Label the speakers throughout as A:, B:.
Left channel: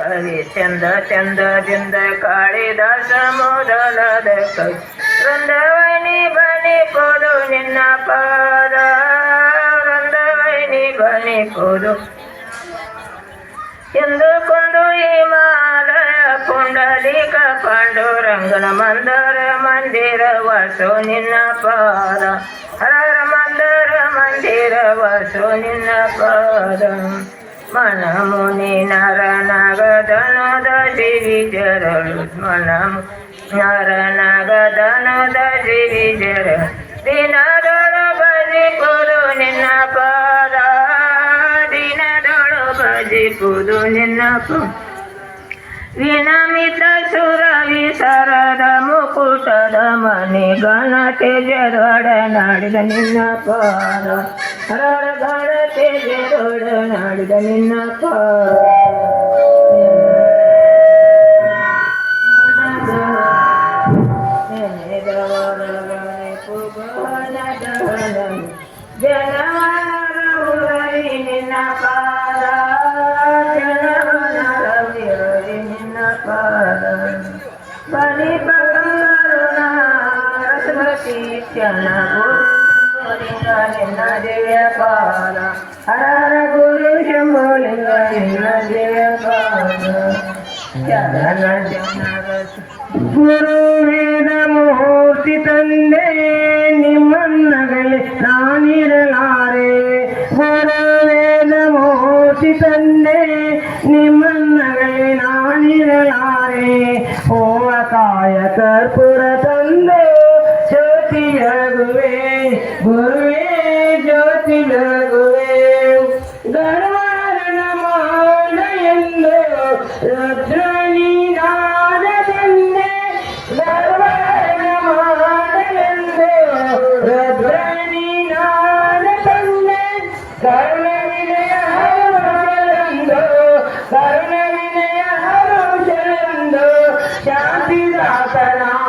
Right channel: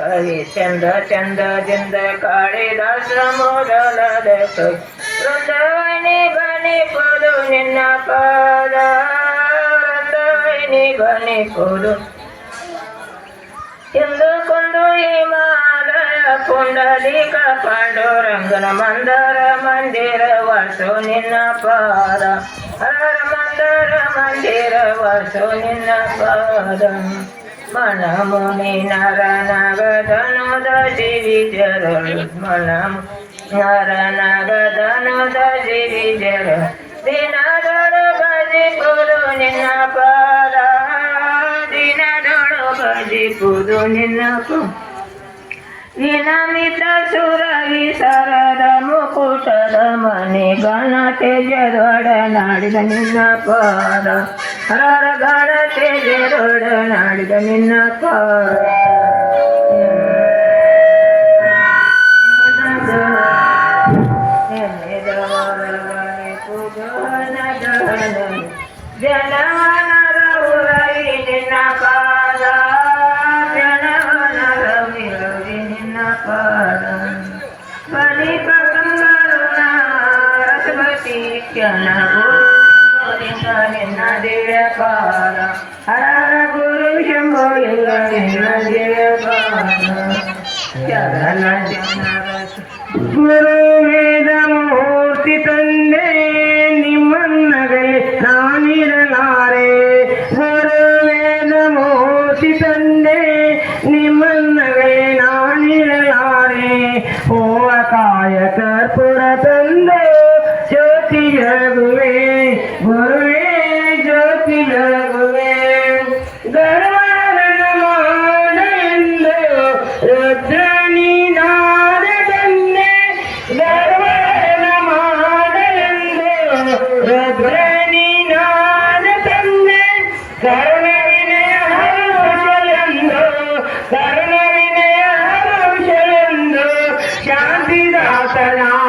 A: ಚಂದ ಚಂದದಿಂದ ಕಾಳಿದಾಸ ಮೊದಲಾದ ವೃಂದವನಿ ಬನಿ ಪುರು ನಿನ್ನ ಪಾದ ವೃಂದವನಿ ಬನಿ ಪುರು ಎಂದು ಕುಂದು ಹಿಮಾಲಯ ಪುಂಡಲಿಕ ಪಾಂಡುರಂಗನ ಮಂದರ ಮಂದಿರ ವಾಸು ನಿನ್ನ ಪಾದ ಹರ ಮಂದರ ಮಂದಿರ ವಾಸು ನಿನ್ನ ಪಾದ మనముని నర నగదనుద దేవి జరలు మనము నర నగదనుద దేవి జర దినదర భజి పురు నిన్న పద దినదర భజి పురు నిన్న వినమిత సుర విసరదము ವಿಸರದ ಮುಕುಟದ ಮನೆ ಗಣ ತೇಜರೊಡ ನಾಡಿದ ನಿನ್ನ ಪಾದ ಹರರ ಗಣ ತೇಜರೊಡ ನಾಡಿದ ನಿನ್ನ ಪಾದ ಜನವನರ ರಸವತಿ ಕ್ಷಣ ಗುರು ನಿನ್ನ ದೇವ ಪಾದ ಹರ ಗುರು ಶಂಭೋ ಲಿಂಗ ನಿನ್ನ ದೇವ ಪಾದ ಜಗನ ಜನರಸ ಗುರು ವೇದ ಮೂರ್ತಿ ತಂದೆ ಶಾಂತಿದಾತನಾದ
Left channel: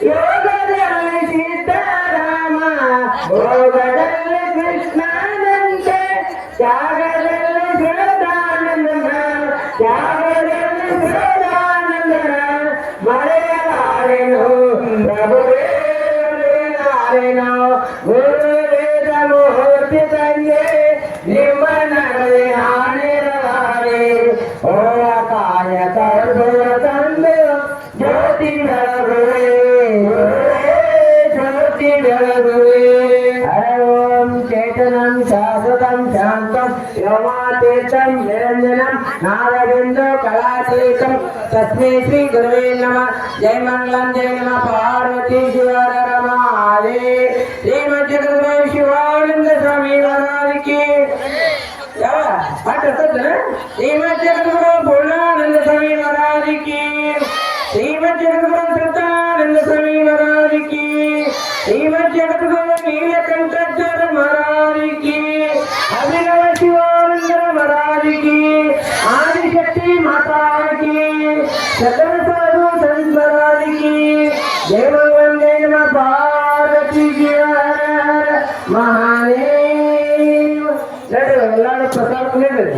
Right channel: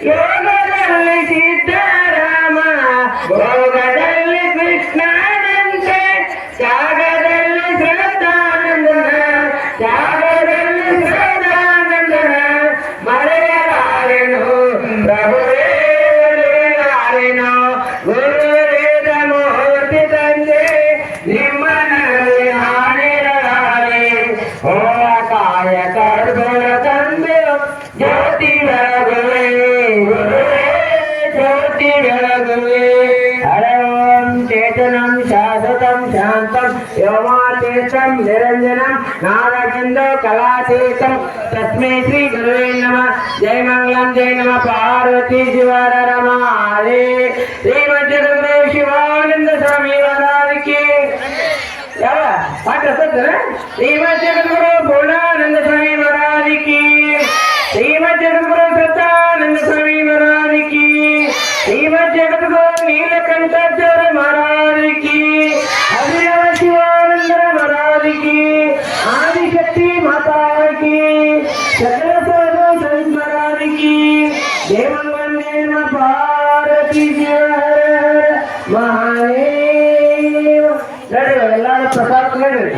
A: Yeah. నిరంతం నిరంజనం నాదబిందో కళాతీతం తస్మై శ్రీ గురువే నమ. జయ మంగళం జయ నమ. పార్వతీ శివర రమాలే శ్రీమతి గురుదేవ శివానంద స్వామి వారానికి. శ్రీమతి పూర్ణానంద స్వామి వారానికి. శ్రీమతి గురుదేవ స్వామి వారానికి. శ్రీమతి ಮಹಾದೇವ. ನಡ್ರಿ ಎಲ್ಲಾರು ಪ್ರಸಾದ ನಡ್ರಿ